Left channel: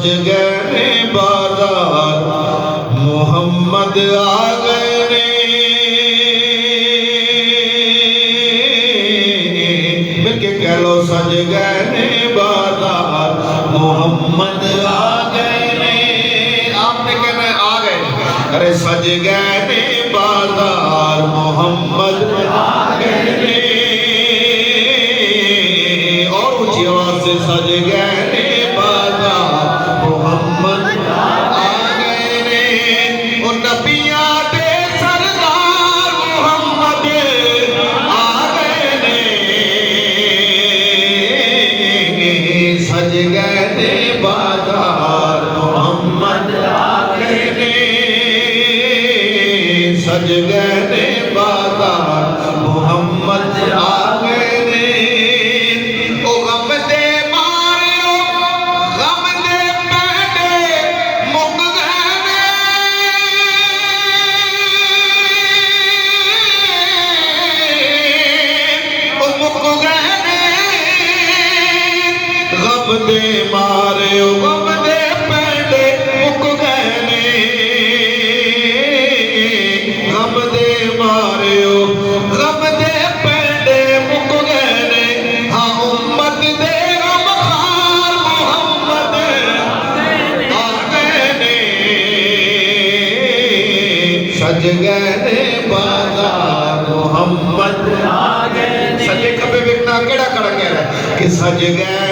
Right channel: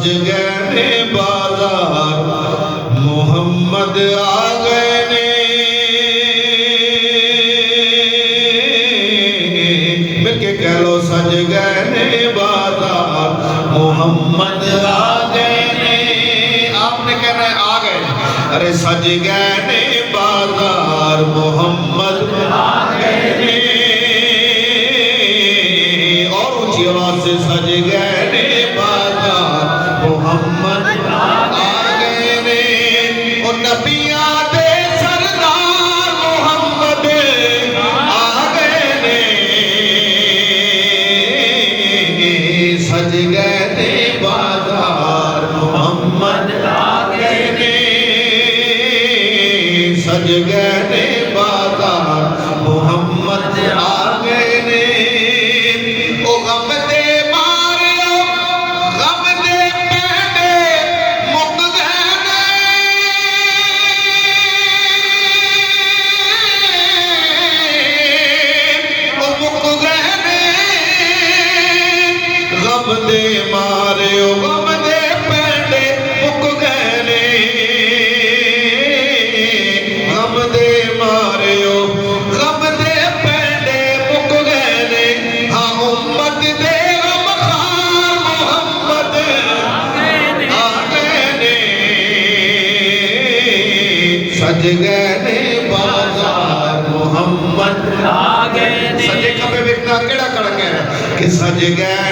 सज गए बाजार मोहम्मद आ गए ने। मिलके कह लो सज गए बाजार मोहम्मद आ गए ने। आपने कहना आ गए, अरे सज गए बाजार मोहम्मद आ गए ने। और ऊंची आवाज से सज गए बाजार मोहम्मद आ गए ने। और नबिया दे सरदार मोहम्मद आ गए ने। सज गए बाजार मोहम्मद आ गए ने। सज गए बाजार मोहम्मद आ गए ने। ओ गम दे मारियो गम दे पैदे मुक गए ने। ओ मुक गए ने। गम दे मारियो गम दे पैदे मुक गए ने। गम दे मारियो गम दे पैदे मुक गए ने। हाँ उम्मत दे गमखार मोहम्मद आ गए ने। सज गए बाजार मोहम्मद आ गए ने। सजे कपे विकना केड़ा कड़ गया कि सज गए